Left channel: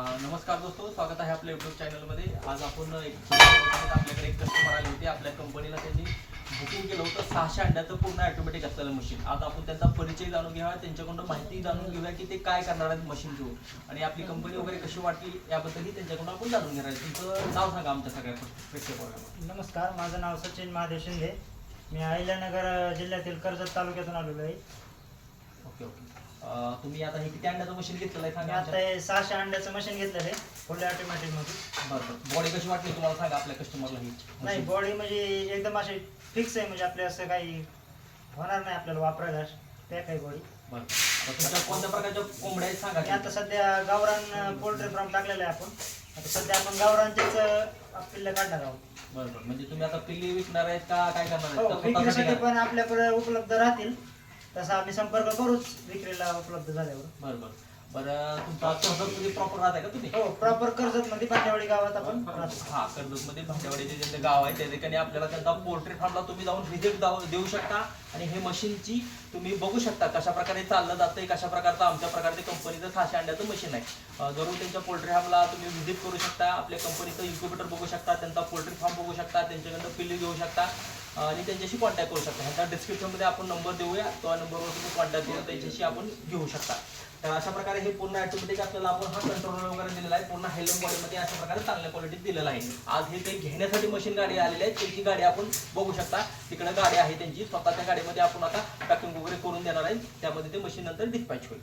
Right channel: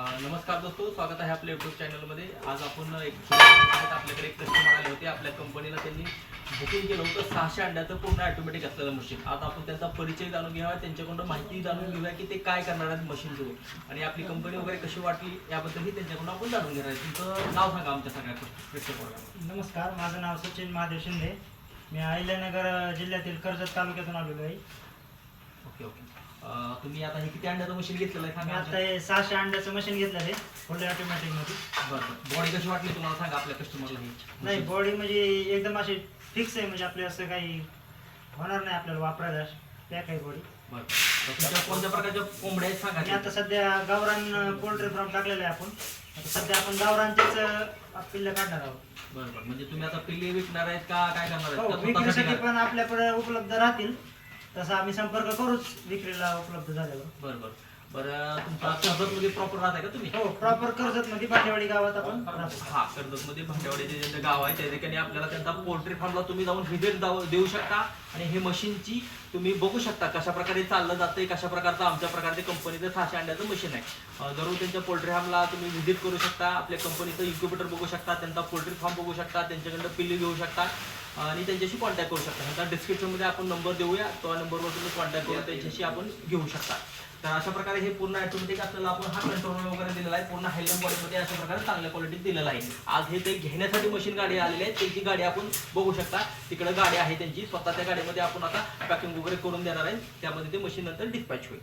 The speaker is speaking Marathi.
नमस्कार दोस्तों, स्वागत आहे आपल्या यूट्यूब चॅनलमध्ये. आज आपण आपल्याकडे एक कस्टमर आले होते. आपल्या कंपनीला त्यांनी बुकिंग केलं होतं 600 अंड्याचं पूर्ण ऑटोमॅटिक असलेलं मशीन. आज आपण त्यांचा परिचय जाणून घ्यावा, त्यांच्याकडून माहिती जाणून घेऊया की ते काय करणार आहेत मशीन घेऊन आणि आपली कंपनी वगैरे कशी वाटली याबद्दलही त्यांच्याकडून आपण जाणून घेणार आहे. तुमचं नाव सांगा आमच्या सगळ्या प्रेक्षकांना. नमस्कार, माझं नाव सचिन महादेव शिंदे. मी अहिल्यानगर जिल्ह्यातील कर्जत तालुक्यातून आलेलो आहे. Okay okay. तुम्ही आता हे किती अंड्याचं मशीन घेतलेलं आहे मी सांगा. आता हे 600 अंड्याचं मशीन घेतलं आहे फुल ऑटोमॅटिक मध्ये. बरं, बॉडी कशी वाटली तुम्हाला सांगा आपल्या कस्टमरला ही. नाही, बॉडी म्हणजे एकदम अशी फिक्स आहे, म्हणजे आपल्या असं काही होणार नाही आपल्याला वापरायला त्या काही बॉडी. बरं, तुमच्या कोणत्या प्रकारच्या कोंबड्या आहेत सांगा. आणि आता सध्या गावरान पोल्ट्री फार्म टाकलेलं आहे आपण. आता सध्या आपण गावरानचेच पिल्ले काढणार आहोत. बरं बरं, म्हणजे तुम्ही आता पिल्ले विकणार आहेत का काय करणार हो, आहेत? विक्रीसाठी पण आपल्याकडे उपलब्ध राहतील, तसा आम्ही संपर्क करूच विक्रीला उपलब्ध झाल्यावर. बरं बरं बरं. तुमचा कर्जतमध्ये प्रॉपर राहत आहे का तुम्ही? हो, प्रॉपर कर्जत मध्ये भांडेवाडी गावात आपण राहतो. हा, कर्जतमध्ये भांडेवाडी जे गाव आहे त्या ठिकाणी आपल्याला त्यांचा पोल्ट्री फार्मला तुम्ही जाऊन व्हिजिट देऊ शकता आणि हे मशीनची तुम्ही बघू शकता कशा प्रकारे चाललं जातंय, कशा प्रकारचं आमच्या प्रकारचे कंपनीचं 600 अंड्याचं मशीन आहे. जरूर त्यांच्या पोल्ट्री फार्मला तुम्ही व्हिजिट करू शकता, आपल्या कंपनीचं इन्क्युबेटर बघू शकता, त्यांचा पोल्ट्री फार्म बघू शकता, त्यांच्याकडनं पिल्ली घेऊ शकता आणि त्यांच्याशी कॉन्टॅक्ट करू शकता. ह्यांचा डिस्क्रिप्शनमध्ये आपण नंबर देऊया, त्या नंबरवर तुम्ही कॉन्टॅक्ट करून त्यांच्याशी आपण घेऊ शकता. तर अशा प्रकारे हे पूर्ण ऑटोमॅटिक आपल्याला आपण हा कंट्रोलर वगैरे दिलेला आहे, पूर्ण हायलम बॉडीमध्ये अशा प्रकारे चांगल्या क्वालिटीत दिलेला आहे. आज हे ते घेण्यासाठी मशीन गाडी आलेली आहे, त्यांची गाडी आपण बघू शकता. तिकडे गाडी आहे त्यांची स्वतःच्या गाडीमध्ये आपण आता पॅकिंग वगैरे करून देणार आहे, त्यामध्ये ते मशीन नंतर डिस्पॅच होईल.